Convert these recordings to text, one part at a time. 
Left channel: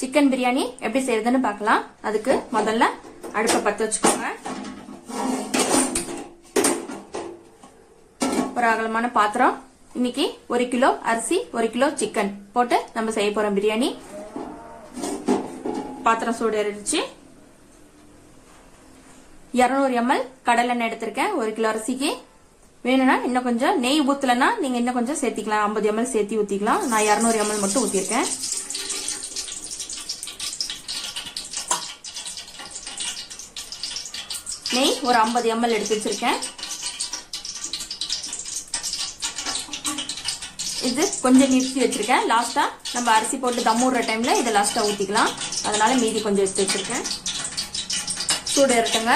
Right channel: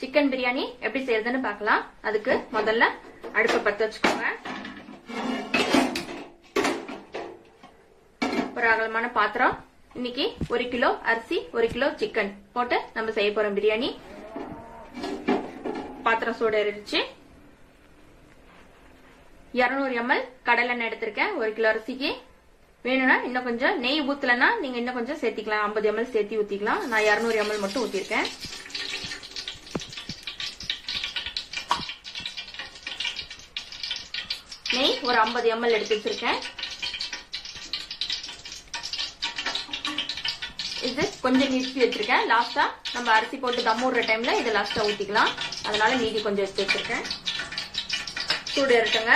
chicken biryani எப்படி செய்யறதுன்னு பார்க்கலாம் அதுக்கு முதல்ல அடுப்பை பற்ற வச்சுக்கோங்க ஒரு அகலமான பாத்திரம் இன்னைக்கு ஒரு கிலோ அரிசி ஒரு கிலோ சிக்கன் போட்டு நம்ம செய்ய போறோம் பிரியாணி பாத்திரம் சூடு இருந்துச்சு இரநூறு எம்எல் கடலெண்ணெய் எடுத்திருக்கேன் ஒரு கிலோ அரிசிக்கு வேணும்னா இன்னும் கொஞ்சம் நெய் ஊத்தலன்னா நீங்க இன்னும் கொஞ்சம் சேர்த்திக்கலாம் ஐம்பது எம்எல் சேர்த்தி ஊத்திக்கலாம் நான் இரநூறு எம்எல் மட்டும் ஊத்திருக்கேன் நெய் ஒரு ஐம்பது எம்எல் எடுத்து வச்சுருக்கேன் இது கொஞ்சம் நிறுத்தி வச்சுருக்கேன் லாஸ்ட்டாக நம்ம அரிசி போட்டு தம் விடுற டைமில் இதை லாஸ்ட்டாக ஊற்றிக்கலாம் அதனால் மீதி கொஞ்சம் எடுத்து வச்சுருக்கேன் சூடு இருக்குங்க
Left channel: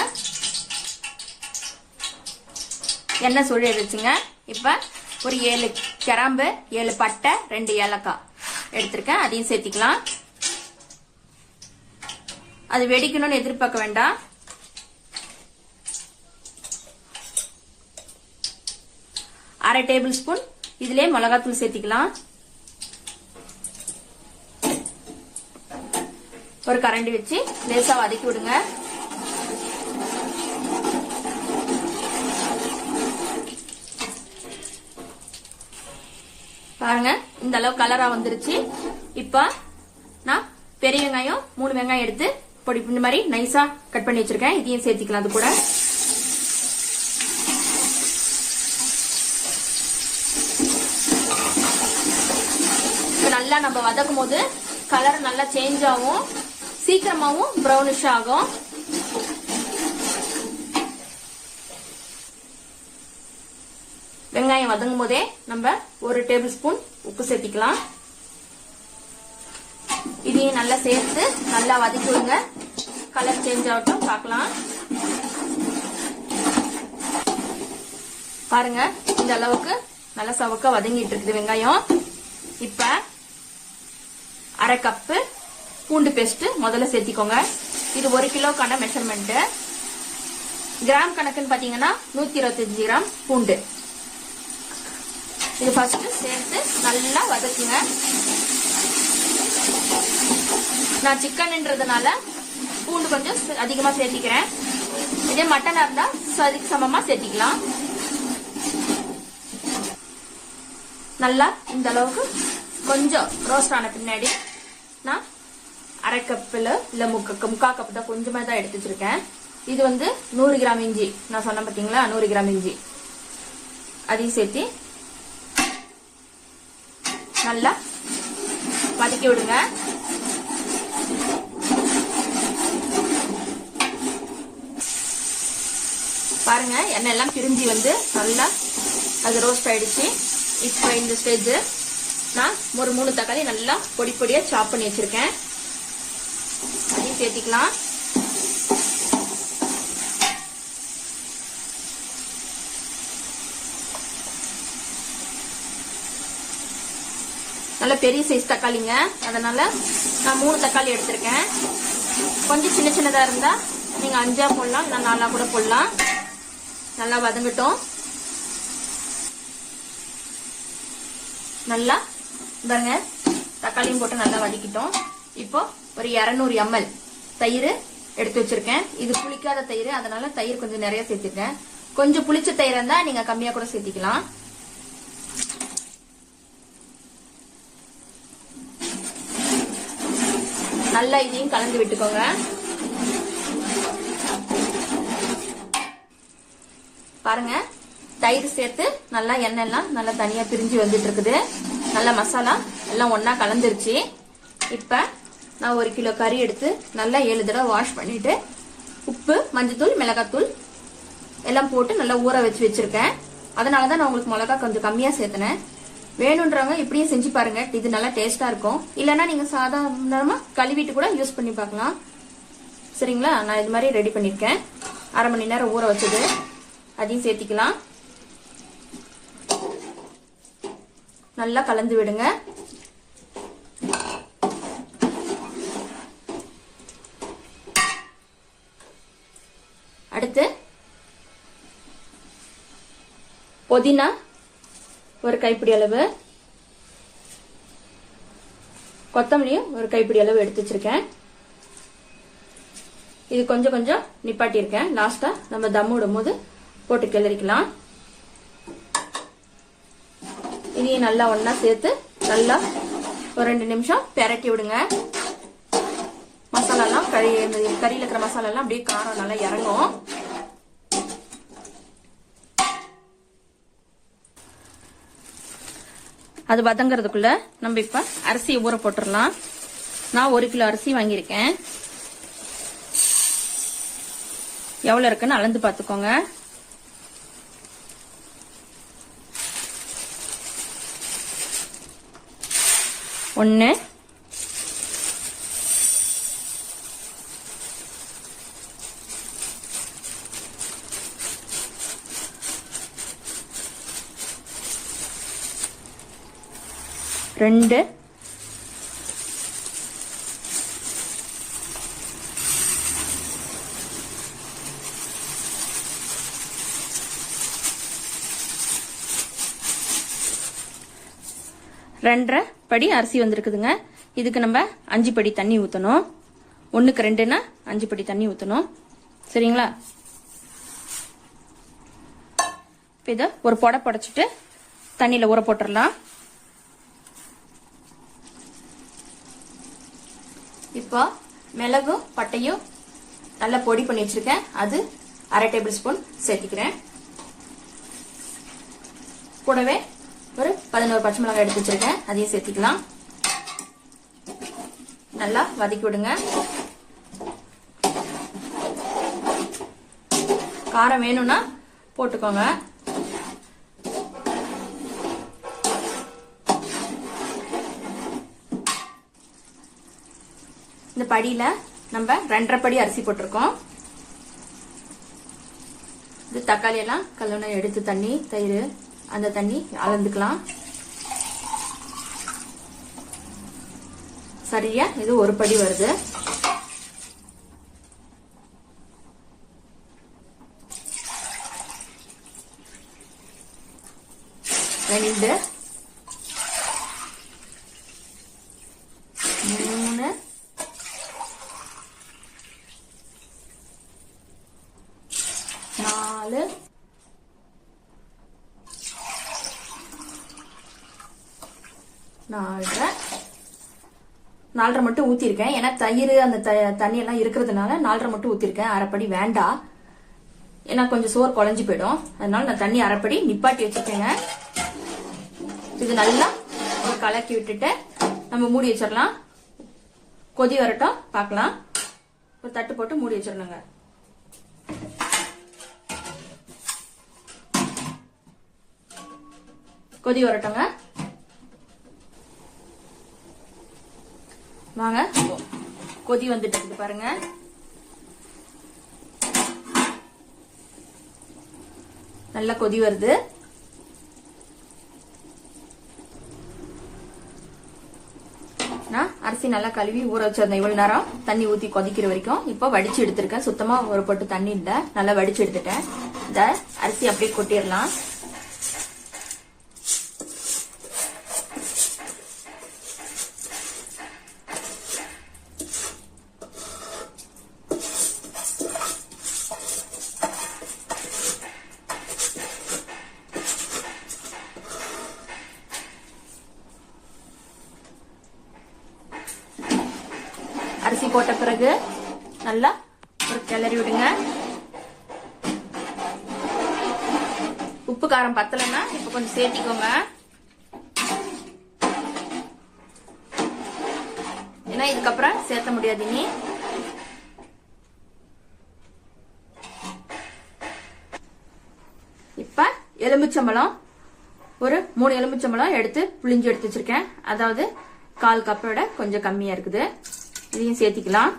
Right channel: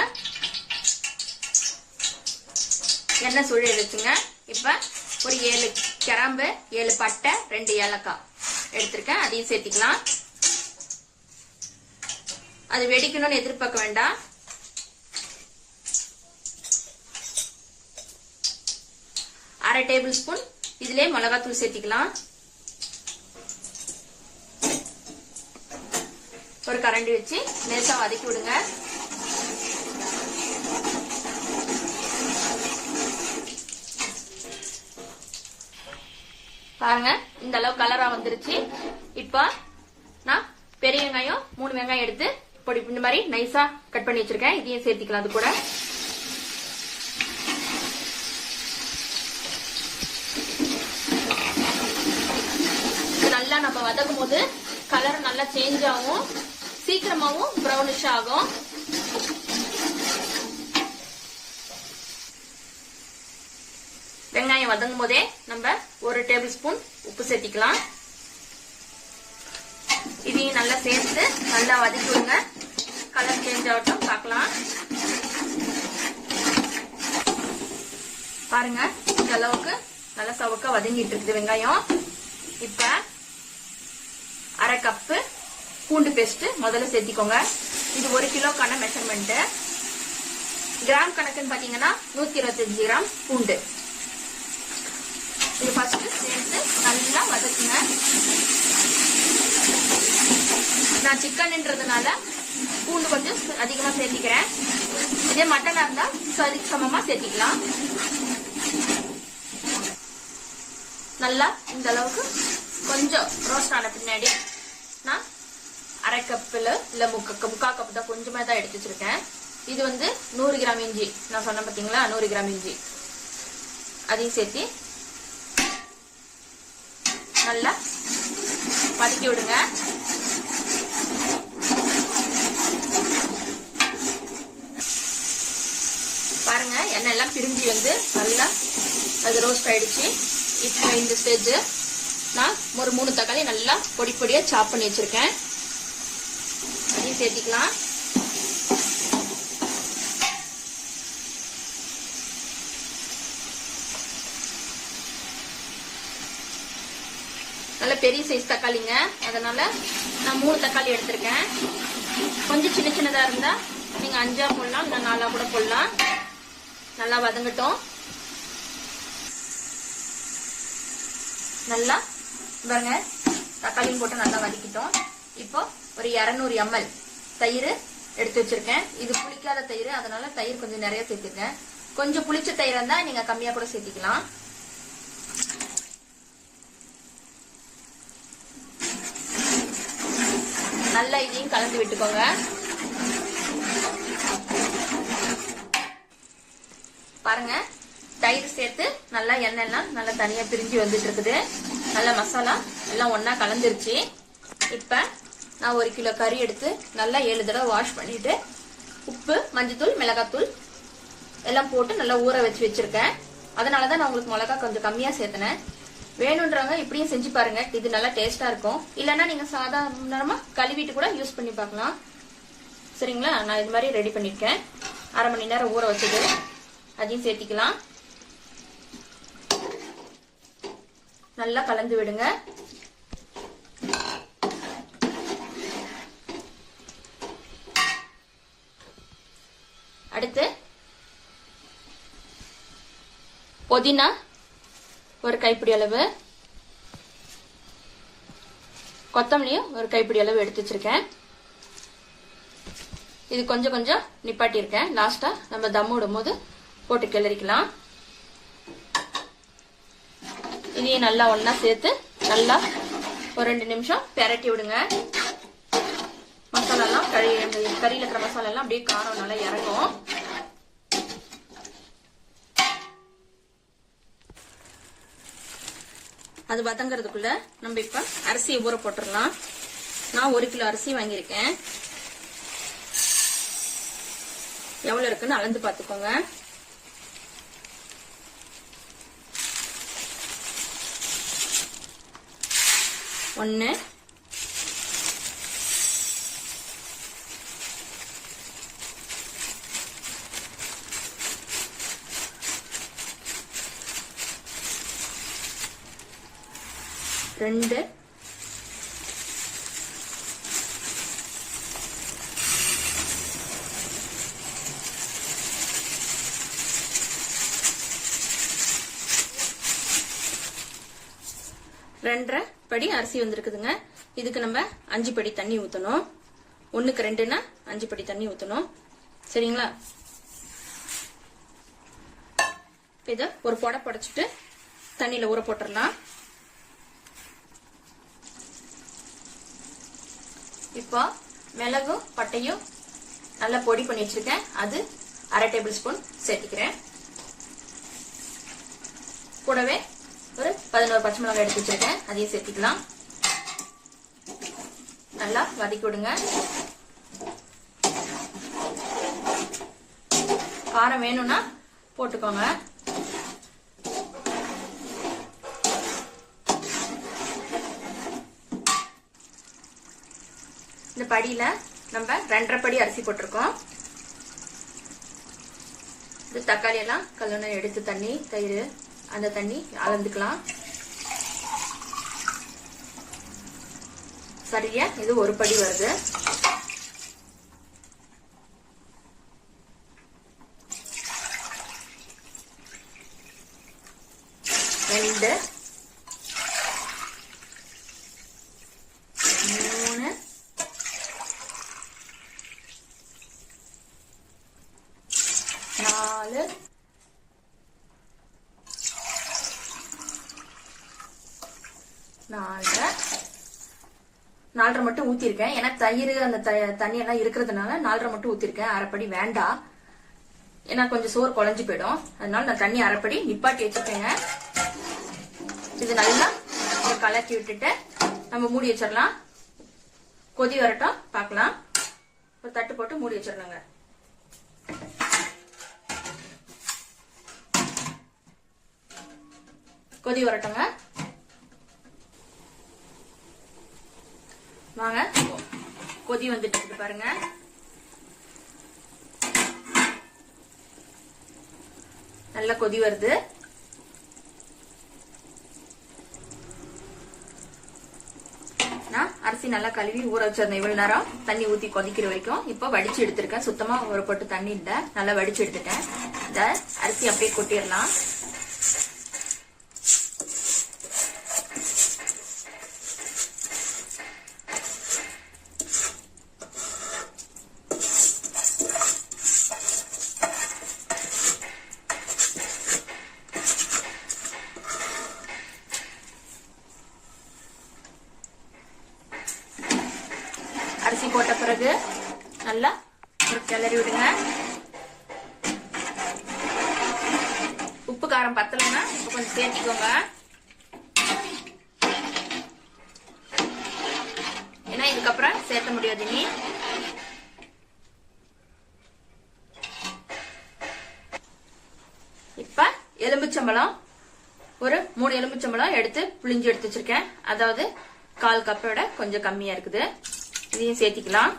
எண்ணெய் சூடு எடுத்துங்க இப்போ ஒரு ஏழு கிராம்பு ஏழு பட்டை ரெண்டு ஏலக்காய் எடுத்திருக்கேன் அதையும் சேர்த்திக்கலாம் அது வெடிக்கணும்னு எதிர்பார்க்க வேண்டாம் அரை டேபிள் ஸ்பூன் இதுலயே மிளகாத்தூள் சேர்த்திக்கலாம் ஒரு கரண்டி வச்சு லேசா வதக்கி விடுங்க பாருங்க இந்த அளவு கலரா வந்துருச்சு இப்ப நான் பெரிய வெங்காயம் மூணு வெங்காயம் எடுத்து பொடி இந்த மாதிரி நைஸா கட் பண்ணி வச்சிருக்கேன் இதையும் சேர்த்திக்கலாம் அது கூட நம்ம வதக்கும் போது கலர் நல்லா சேஞ்ச் ஆகும் சீக்கிரமாகவும் ப்ரௌனிஷ் ஆகும் வெங்காயம் வதங்கும் போதே நம்ம ஒரு டேபிள் ஸ்பூன் உப்பு சேர்த்திக்கலாம் இதையும் நல்லா சேர்த்து நல்லா வதக்கி விடுங்க கலர் சேஞ்ச் ஆகட்டும் பார்க்கலாம் பாருங்க இந்த அளவுக்கு நல்லா சவுக்க வதங்கிட்டு இருக்குது வெங்காயம் இப்ப அரை கப்பு பூண்டு பேஸ்ட் முதல்ல சேர்த்திக்கோங்க இது ஒரு கிலோக்கான மெஷர்மெண்ட் கிராம் கணக்குன்னு பாத்தீங்கன்னா நூத்தி இருபத்தஞ்சு கிராம் பூண்டு இது ஃபர்ஸ்ட் சேர்த்து நல்லா வதக்குங்க நான் சிக்கன்ன்றதுனால பூண்டு கொஞ்சம் அதிகமா சேர்த்திக்கிறேன் இதே மட்டனா இருந்தா சரி சமமா சேர்த்திக்கலாம் நல்லா இந்த அளவுக்கு கொஞ்சம் ரோஸ்ட் ஆன பின்னாடி அரை கப்பில் இல்லை முக்க முக்கா கப்பு தான் கொஞ்சமாக தான் எடுத்து வச்சுருக்கேன் இது வந்து நூறு கிராம் இஞ்சி நான் சொன்னேன் பார்த்தீங்களா நூறு கிராம் இஞ்சி அதையும் சேர்த்து நல்லா வதக்கி விடுங்க பாருங்க எண்ணெய் எல்லாம் பிரிஞ்சு வந்து நல்லா அது ரோஸ்ட் ஆயிடுச்சு இப்போ இந்த ஸ்டேஜ் நான் ஒரு மூணு தக்காளி நல்லா பொடி பொடியாக சாப் பண்ணி வச்சுருக்கேன் சேர்த்திக்கலாம் நல்ல பெரிய சைஸ் தக்காளிங்க அதனால நான் மூணு தக்காளி எடுத்திருக்கேன் கொஞ்சம் சின்ன சின்னதாக இருந்தால் நீங்கள் அஞ்சா போடலாம் இல்லை நாலா கூட போடலாம் நல்லா வதங்கட்டும் நல்லா பாருங்க தக்காளியும் போட்டு நல்லா வதக்கிட்டோம் இப்போ ஒரு இரநூறு எம்எல் தயிர் எடுத்து வச்சிருக்கேன் இது புளிக்காத தயிர் அதனால தயிர் கொஞ்சம் நிறைய சேர்த்துருக்கேன் கொஞ்சம் புளிச்ச தயிர் இருந்தா நீங்க கம்மியா கூட சேர்த்திக்கலாம் நல்லா இதையும் கலந்து விட்டுக்கோங்க பாருங்க தயிர் சேர்த்து நல்லா எண்ணெய் எல்லாம் நல்லா தனியா பிரிஞ்சு வந்துட்டு இருக்குது நல்லா மசாலா எல்லாம் ஒன்னா கலந்துருச்சு இப்ப நான் ஒரு கிலோ கறி எடுத்து நல்லா ஏழு தடவை வாஷ் பண்ணிட்டு உப்பு மஞ்சத்தூள் மிளகாத்தூள் எல்லாம் போட்டு நல்லா ஊற வச்சு வச்சிருக்கேன் அதனாலதான் தான் நான் உங்களுக்கு மிளகா கொஞ்சம் கம்மியாக சேர்த்தினேன் வேணுன்றவங்க இப்படியும் செஞ்சு பாருங்க இது நல்லா டேஸ்டா இருக்கும் இல்லைன்னா நீங்க சாதாரணமா கழுவிட்டு கூட யூஸ் பண்ணி பார்க்கலாம் சரிங்களா நான் இது மாதிரி ரெடி பண்ணிருக்கேன் அரை மணி நேரம் ஊற வச்சது அதையும் சேர்த்திக்கலாம் நல்லா கலந்து விடுங்க புதினா ஒரு கைப்பிடி அளவு கொத்தமல்லியும் ஒரு கைப்பிடி அளவு எடுத்து வச்சிருக்கேன் இது கொஞ்சம் கொஞ்சம் நிப்பாட்டியிருக்கேன் லாஸ்ட்டாக நம்ம தம் விடும் போது போட்டு கிளறிக்கலாம் இனியும் நல்லா ஒன்றா சேர்த்து நல்லா ஒரு ரெண்டு நிமிஷம் பெரட்டி விடுங்க மசாலாலாம் கறி கறியில் இருக்கிற மசாலாலாம் அப்படியே காரம் நல்லா இறங்கும் அது வதங்கிறதுக்குள்ள நம்ம இப்போ அரிசியை ஊற போட்டுடலாம் நான் ஒரு கிலோ அரிசி வாங்கியிருக்கேன் எவ்வளோ இருக்குன்னு அளந்து பார்த்துக்கோங்க ஒன்று ரெண்டு ரெண்டரை படி அரிசி வந்திருக்குதுங்க இதுக்கு நம்ம அஞ்சு படி தண்ணி ஊற்றணும் ஒன்றுக்கு ரெண்டுன்னா அஞ்சு படி தண்ணி ஊற்றணும் சரிங்களா இதை ஒரு பொட புடைச்சிட்டு தண்ணியில் ஊற போட்டுடலாம் இப்போ மிளகும் பட்டையும் நல்லா பொடி பண்ணி வச்சிருக்கேன் அது அரை டேபிள் ஸ்பூன் சேர்த்துக்கிறேன் கூடவே ஒரு பதினோரு பச்சை மிளகாய் எடுத்து வச்சிருக்கேன் அதையும் சேர்த்துக்கலாம் நல்லா வதக்கி விடுங்க காரம் வேணும்னா போட்டுக்கோங்க படியில நம்ம ரெண்டரை படி அரிசி போட்டிருக்கோம் இது தக்காளி எல்லாம் கல்லணை எடுத்து தண்ணி தயிர் அந்த தண்ணி அளந்துக்கலாம் சரியா இது ஒரு படி வருது நாலரை நாலரை மட்டும் ஊற்றிருக்கேன் ஏன்னா தயிர் அந்த த தண்ணியெல்லாம் இருக்கிறதுனால நாலரை மட்டும் ஊற்றிருக்கேன் அரைப்படி வேண்டாம் ஏன்னா கொஞ்சம் சோறு குழஞ்சி போயிடும் அதனால நான் தண்ணி அரைப்படி நிப்பாட்டி வச்சுக்கோங்க இது நல்லா கலக்கி விட்டுட்டு நம்ம மூடி வச்சிடலாம் கொதி வரட்டும் பார்க்கலாம் ஒரு தட்டு போட்டு மூடி வச்சிடணுங்க கொதி வரட்டோங்க வாங்க கொதி வந்துட்டு இருக்குது பாருங்க நல்லா கொதி வருது நான் அரிசி நல்லா கழுவி ஊற வச்சிருந்தேன் இவ்வளவு நேரம் தண்ணி ஊத்தி கொதிக்கிற வரைக்கும் இப்போ வடிச்சு எடுத்திருக்கேன் சுத்தமா ஒரு பொட்டு தண்ணி இல்லை நல்லா வடிச்சு எடுத்துட்டேன் இந்த அரிசி அப்படியே கொட்டிடலாம் அரிசி போட்ட பிறகு நல்லா கிளறி விடுங்க உப்பு காரம் பத்தலைங்க இப்ப கொஞ்சம் சேர்த்திக்கோங்க ஏன்னா இதுக்கப்புறம் சேர்த்த முடியாது நீ இப்ப எலும்புச்சம்பளம் ஒரு மூணு எலும்புச்சம்பளம் எடுத்து புளிஞ்சு எடுத்து வச்சிருக்கேன் அதாவது கால் கப்போட கொஞ்சம் கம்மியா இருக்குது இதையும் சேர்த்திக்கலாம்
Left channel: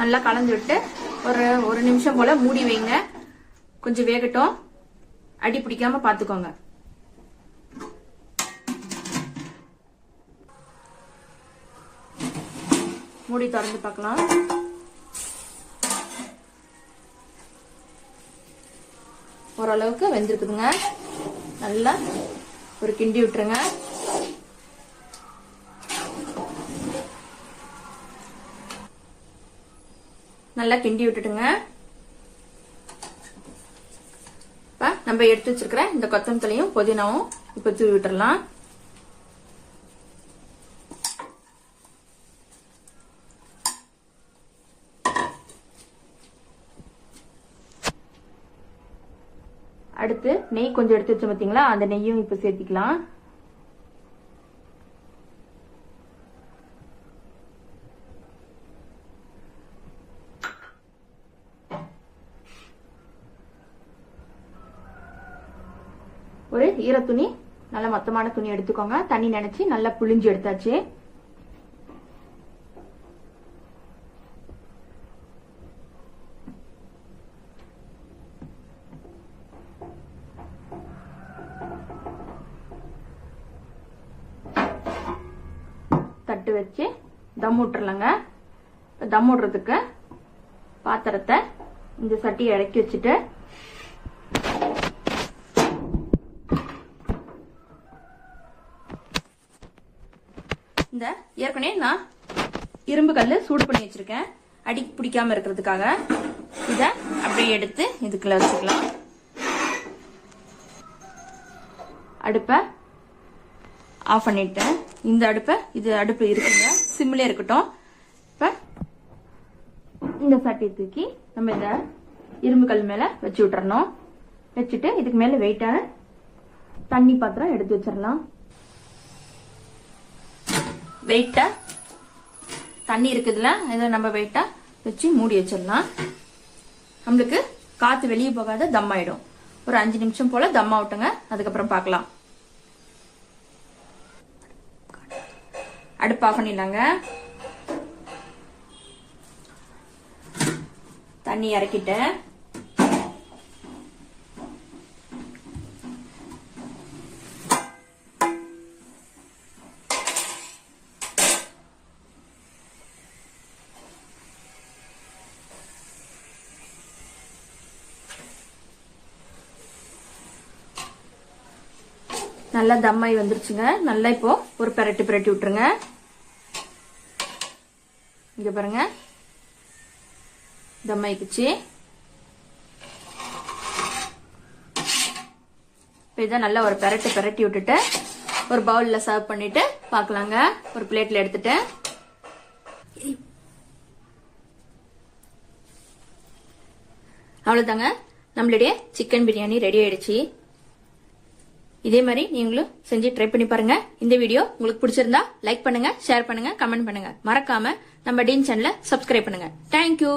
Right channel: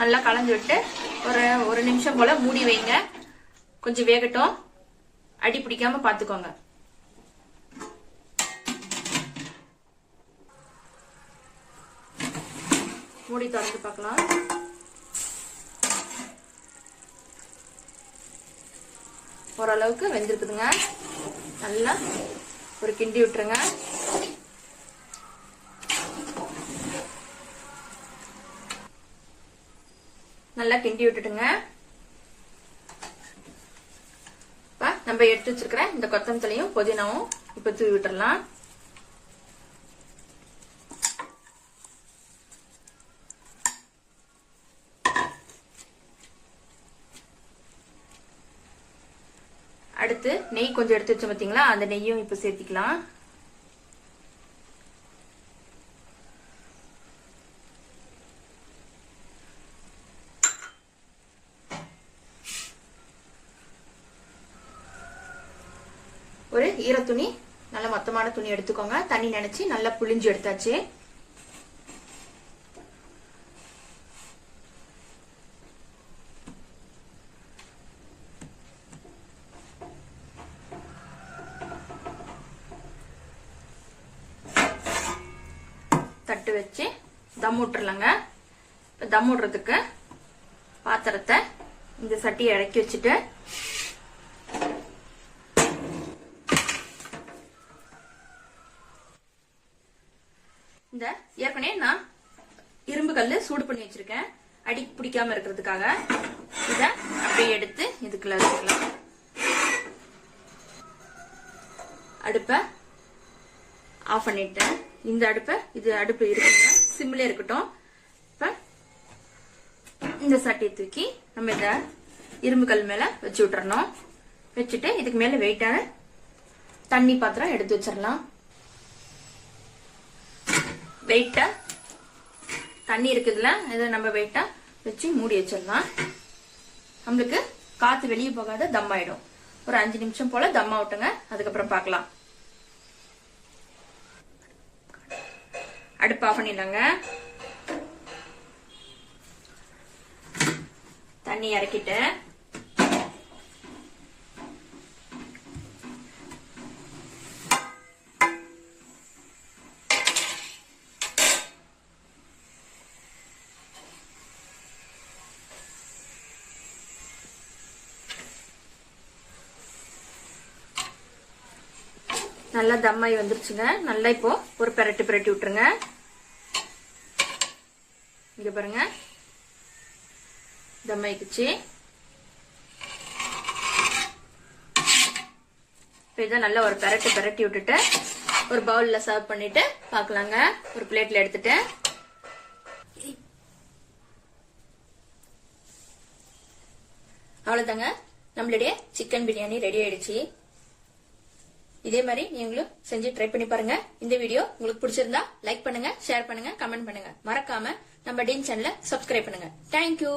நல்லா கலந்து விட்டு ஒரு ஒரு நிமிஷம் போல மூடி வைங்க கொஞ்சம் வேகட்டும் அடி பிடிக்காம பாத்துக்கோங்க மூடி திறந்து பார்க்கலாம் ஓரளவுக்கு வெந்திருக்குதுங்க நல்லா ஒரு கிண்டி விட்டுருங்க நல்லா கிண்டி விட்டுட்டுங்க நம்ம எடுத்து வச்சிருக்கிற இந்த கொத்தமல்லியும் புதினாவும் இப்ப தூவி விட்டுடலாம் அடுத்து நெய் கொஞ்சம் எடுத்து வச்சோம் பார்த்தீங்களா அந்த நெய்யும் இப்போ சேர்த்திக்கலாம் ஒரு ஈர துணி நல்ல மொத்தமான துணி எடுத்துக்கோங்க தண்ணி நினச்சி நல்லா புளிஞ்சு எடுத்தாச்சு தட்டு வச்சு தம் விட்டுறலங்க இப்போ தம் விடுறதுக்கு பாத்திரத்தை இந்த சட்டியை இறக்கி வச்சுட்டு ஏற்கனவே நான் இரும்பு கல் சூடு பண்ணி வச்சிருக்கேன் அடி பிடிக்காம இருக்கிறதுக்காக இத அப்படியே எடுத்து இதுக்குள்ள வச்சுக்கலாம் அடுப்பை ஆஃப் பண்ணிட்டேன் இந்த அடுப்பை இது அடுப்பு இருக்குங்க சிம்ல இருக்கட்டும் இப்ப இந்த சட்டியை தூக்கி நம்ம இந்த இரும்பு கல் மேல வச்சு விட்டுறணும் வச்சுட்டு இதுக்கு மேல வெயிட்டான தண்ணி பாத்திரம் எடுத்து வச்சிடலாம் வெயிட்டா தண்ணி இருக்குதுல இதை நம்ம வெயிட்டா வச்சு மூடி வச்சிடலாம் நம்மளுக்கு காத்து வெளியே போகாத தம் ஆயிடும் ஒரு அஞ்சு நிமிஷம் போல தம் ஆகட்டுங்க அதுக்கப்புறம் பார்க்கலாம் அடுப்பு ஆஃப் பண்ணிடலாங்க தண்ணி இறக்கிட்டேன் நல்லா தம்மாயி வந்துருச்சுங்க நல்லா இப்போ ஒரு பெரட்டி பெரட்டி விட்டுருங்க இங்க பாருங்க தம்மாயிக்குச்சு இப்போ இதை நல்லா ஒரு பெரட்டு பெரட்டி விட்டுட்டு ஒரு பவுலில் சர்வ் பண்ணிட்டு பார்க்கலாங்க ஒரு பிளேட்டில் எடுத்துட்டு அவ்வளோதாங்க நம்மளுடைய சிக்கன் பிரியாணி ரெடி ஆயிடுச்சு இதே மாதிரி நீங்களும் செஞ்சு ட்ரை பண்ணி பாருங்க இந்த வீடியோ உங்களுக்கு பிடிச்சிருந்தா லைக் பண்ணுங்க ஷேர் பண்ணுங்க கமெண்ட் பண்ணுங்க மறக்காம நம்ம டீன் சேனல சப்ஸ்கிரைப் பண்ணுங்க தேங்க்யூ